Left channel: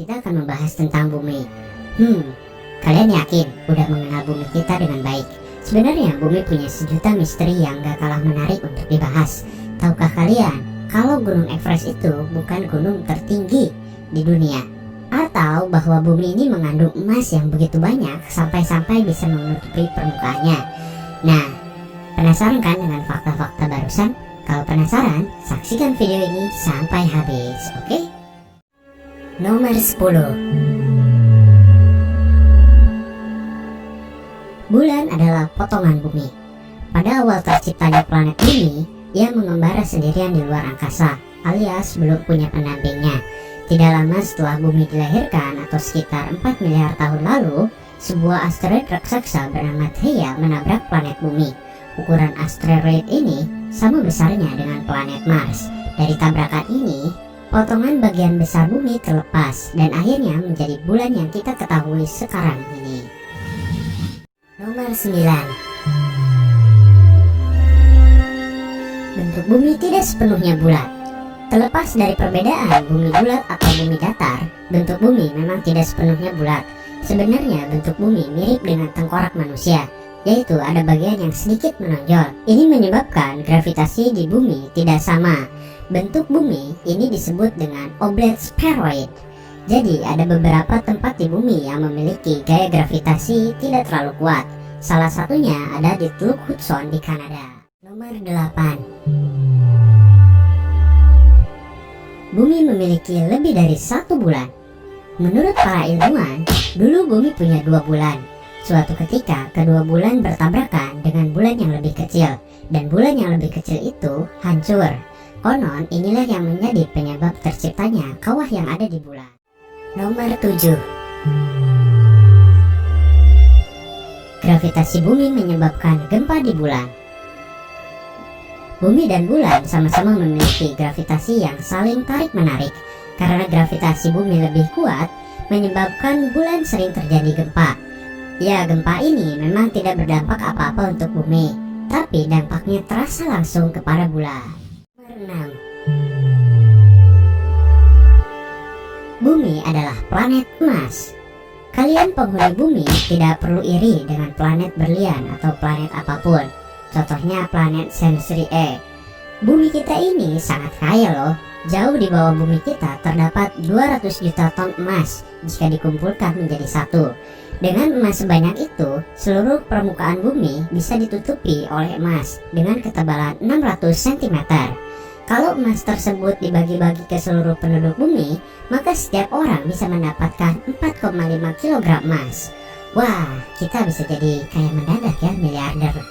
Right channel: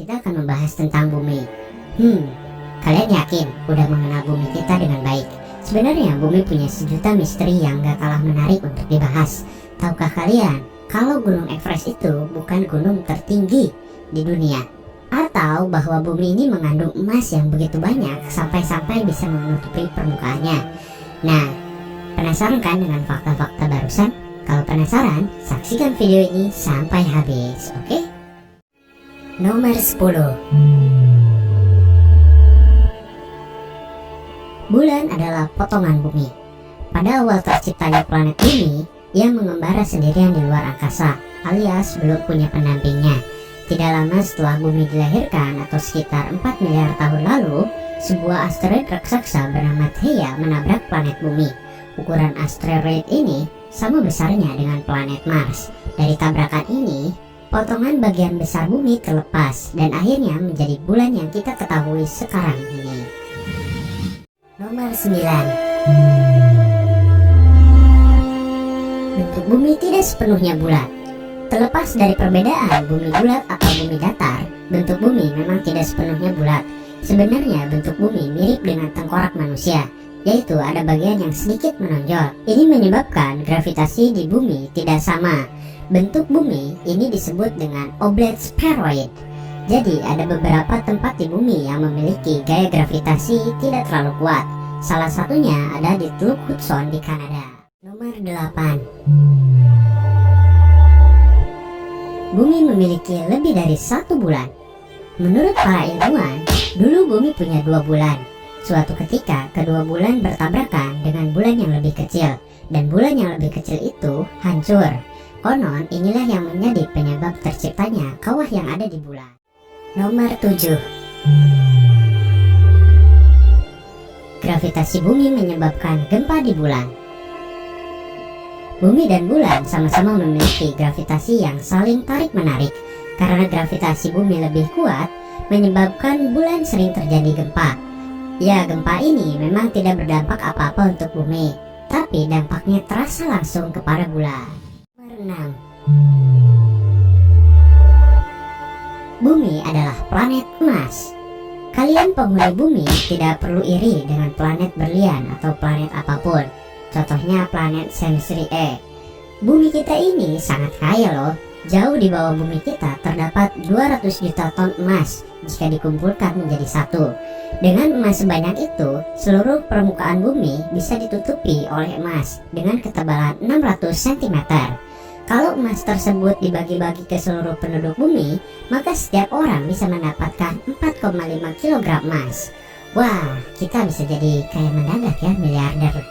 kita akan membahas tentang bumi. Kalian yakin udah mengenal bumi kita dengan baik? Sebenarnya bumi punya sejuta misteri yang gak kalah menarik untuk dibahas. Tahukah kalian kalau Gunung Everest itu bukan gunung tertinggi di dunia? Atau bahwa bumi ini mengandung emas yang begitu banyak sampai-sampai bisa menutupi permukaannya? Nah, penasaran kan dengan fakta-fakta barusan? Kalau penasaran, saksikan video ini sampai habis, oke? Nomor 10. Bulan adalah potongan bumi. Pada awal terciptanya planet bumi, ia mengembara sendirian di luar angkasa, alias belum punya pendampingnya. Tidak lama setelah bumi dilahirkan atau sekitar 4 miliar tahun lalu, sebuah asteroid raksasa bernama Theia menabrak planet bumi. Ukuran asteroid ini sama besarnya dengan planet Mars. Dari tabrakan ini, potongan bagian besar bumi terlepas dan akhirnya menjadi bulan yang kita ketahui sekarang ini. Nomor 9. Bentuk bumi tidak sepenuhnya bulat. Terlepas dari perbedaan bumi bulat atau bumi datar, bentuk bumi memang tidak sepenuhnya bulat. Sebenarnya bentuk bumi mirip dengan tengkorak manusia, yaitu ada bagian yang sedikit menonjol. Ini menyebabkan gravitasi di bumi tidak sama. Bentuk bumi ini disebut dengan oblate spheroid. Jadi ada beberapa tempat di bumi yang memiliki gaya gravitasi tidak terlalu kuat. Salah satunya ada di Teluk Hudson di Kanada. Nomor 8. Bumi memiliki lebih dari satu bulan. Menurut para ilmuwan, dulu bumi punya 2 bulan. Suatu ketika kedua bulan bertabrakan dengan bulan yang lebih kecil, dan bulan yang lebih kecil itu hancur. Konon inilah yang menjadi penyebab terciptanya kawah yang ada di bulan. Nomor 7. Gravitasi bumi menyebabkan gempa di bulan. Bumi dan bulan sama-sama memiliki gravitasi yang saling tarik-menarik. Karena gravitasi bumi lebih kuat, menyebabkan bulan sering terjadi gempa. Ya, gempa ini memang tidak berdampak apa-apa untuk bumi, tapi dampaknya terasa langsung kepada bulan. Nomor 6. Bumi adalah planet emas. Kalian penghuni bumi tidak perlu iri dengan planet berlian atau planet apapun. Contohnya planet Sensori E. Bumi kita ini sangat kaya loh. Jauh di bawah bumi kita terdapat 200 juta ton emas jika dikumpulkan menjadi satu. Dengan emas sebanyak itu, seluruh permukaan bumi bisa ditutupi oleh emas dengan ketebalan 600 cm. Kalau emas tersebut dibagi-bagi ke seluruh penduduk bumi, maka setiap orang bisa mendapatkan 4,5 kg emas. Wah, kita bisa jadi kaya mendadak ya, miliarder.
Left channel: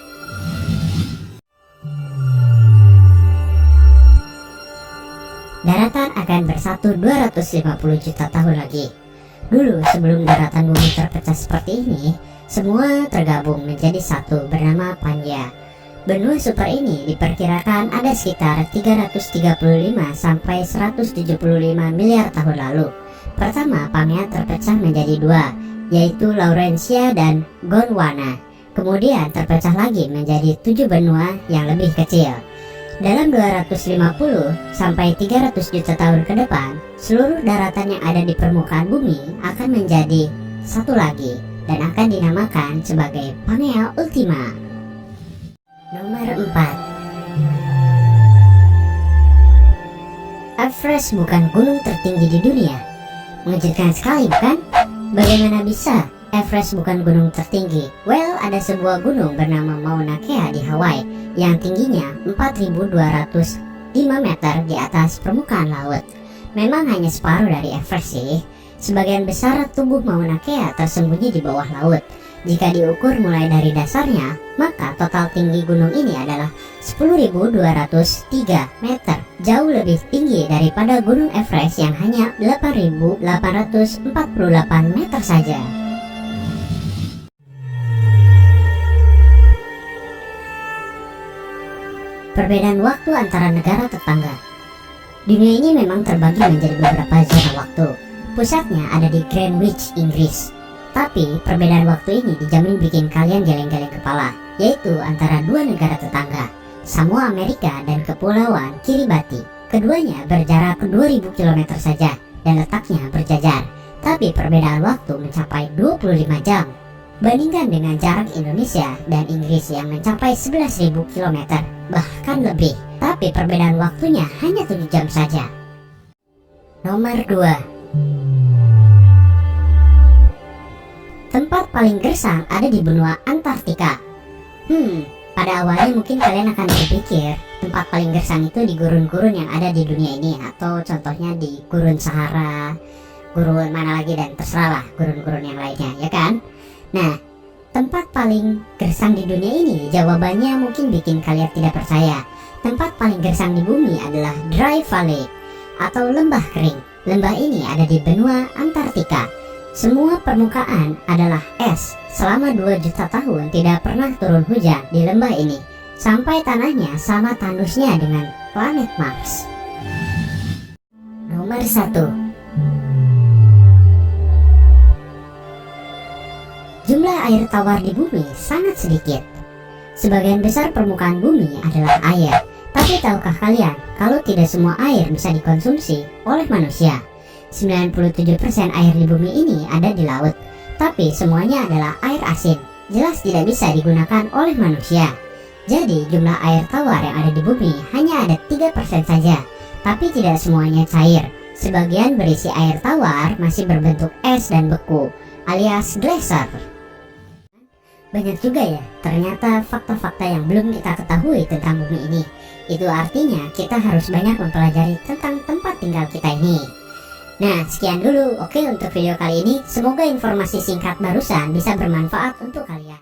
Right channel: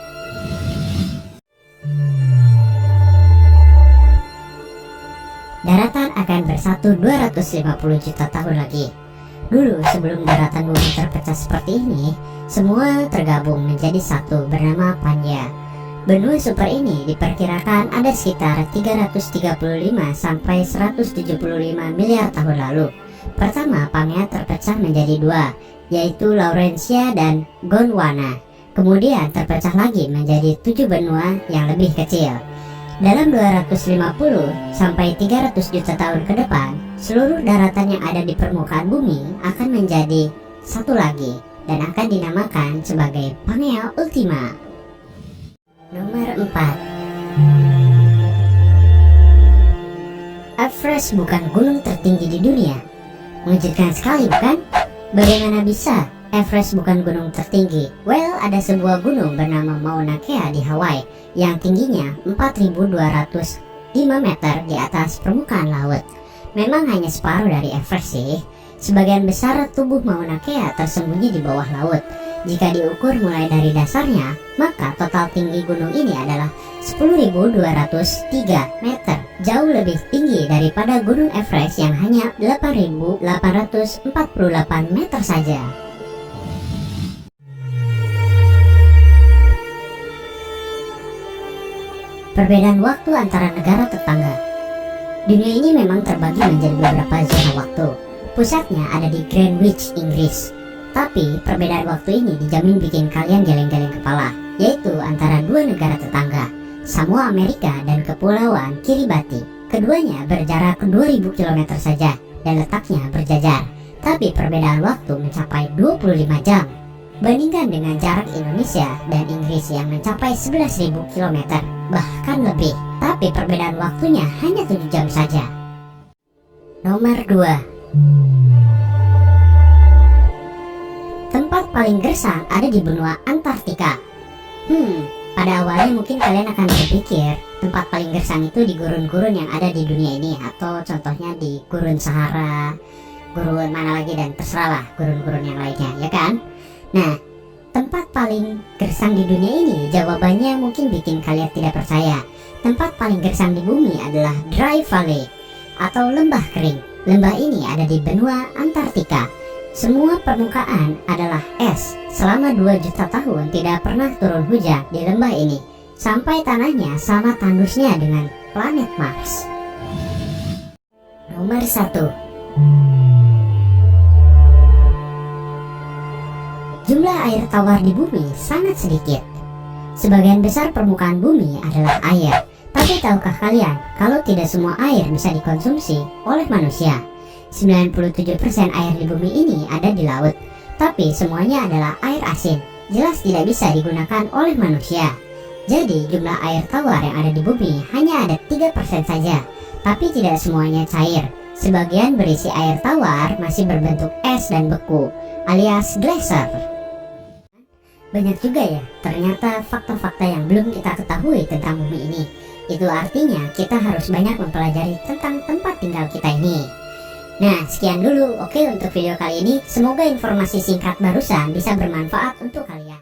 Daratan akan bersatu 250 juta tahun lagi. Dulu sebelum daratan bumi terpecah seperti ini, semua tergabung menjadi satu bernama Pangea. Benua super ini diperkirakan ada sekitar 335 sampai 175 miliar tahun lalu. Pertama, Pangea terpecah menjadi 2, yaitu Laurentia dan Gondwana. Kemudian terpecah lagi menjadi 7 benua yang lebih kecil. Dalam 250 sampai 300 juta tahun ke depan, seluruh daratan yang ada di permukaan bumi akan menjadi satu lagi dan akan dinamakan sebagai Pangea Ultima. Nomor 4. Everest bukan gunung tertinggi di dunia. Mengejutkan sekali bukan? Bagaimana bisa Everest bukan gunung tertinggi? Well, ada sebuah gunung bernama Mauna Kea di Hawaii yang tingginya 4.205 meter di atas permukaan laut. Memang hanya separuh dari Everest sih. Sebagian besar tubuh Mauna Kea tersembunyi di bawah laut. Jika diukur mulai dari dasarnya, maka total tinggi gunung ini adalah 10.203 meter. Jauh lebih tinggi daripada gunung Everest yang hanya 8.848 meter saja. Perbedaan waktu antara negara tetangga. Dunia ini memang terbagi menjadi beberapa zona waktu. Pusatnya ada di Greenwich, Inggris. Tapi perbedaan waktu ini dijamin bikin kalian geleng-geleng kepala, yaitu antara dua negara tetangga, Samoa Amerika dan Kepulauan Kiribati. Keduanya berjarak 2000 km saja dan letaknya berjajar. tapi perbedaan waktu mencapai 25 jam. Bandingkan dengan jarak Indonesia dan Inggris yang mencapai 11.000 km, bahkan lebih, tapi perbedaan waktunya hanya 7 jam saja. Nomor 2. Tempat paling gersang ada di benua Antartika. Pada awalnya mungkin kalian akan berpikir tempat paling gersang itu di gurun-gurun yang ada di dunia ini, atau contohnya di gurun Sahara, gurun mana lagi, dan terserahlah gurun-gurun yang lainnya, ya kan? Nah, tempat paling gersang di dunia ini, jawabannya mungkin bikin kalian tidak percaya. Tempat paling gersang di bumi adalah Dry Valley atau lembah kering. Lembah ini ada di benua Antartika. Semua permukaan adalah es. Selama 2 juta tahun tidak pernah turun hujan di lembah ini, sampai tanahnya sama tandusnya dengan planet Mars. Nomor 1. Jumlah air tawar di bumi sangat sedikit. Sebagian besar permukaan bumi adalah air. Tapi tahukah kalian kalau tidak semua air bisa dikonsumsi oleh manusia? 97% air di bumi ini ada di laut, tapi semuanya adalah air asin. Jelas tidak bisa digunakan oleh manusia. Jadi jumlah air tawar yang ada di bumi hanya ada 3% saja, tapi tidak semuanya cair. Sebagian berisi air tawar masih berbentuk es dan beku, alias glacier. Banyak juga ya ternyata fakta-fakta yang belum kita ketahui tentang bumi ini. Itu artinya kita harus banyak mempelajari tentang tempat tinggal kita ini. Nah, sekian dulu untuk video kali ini. Semoga informasi singkat barusan bisa bermanfaat untuk kalian.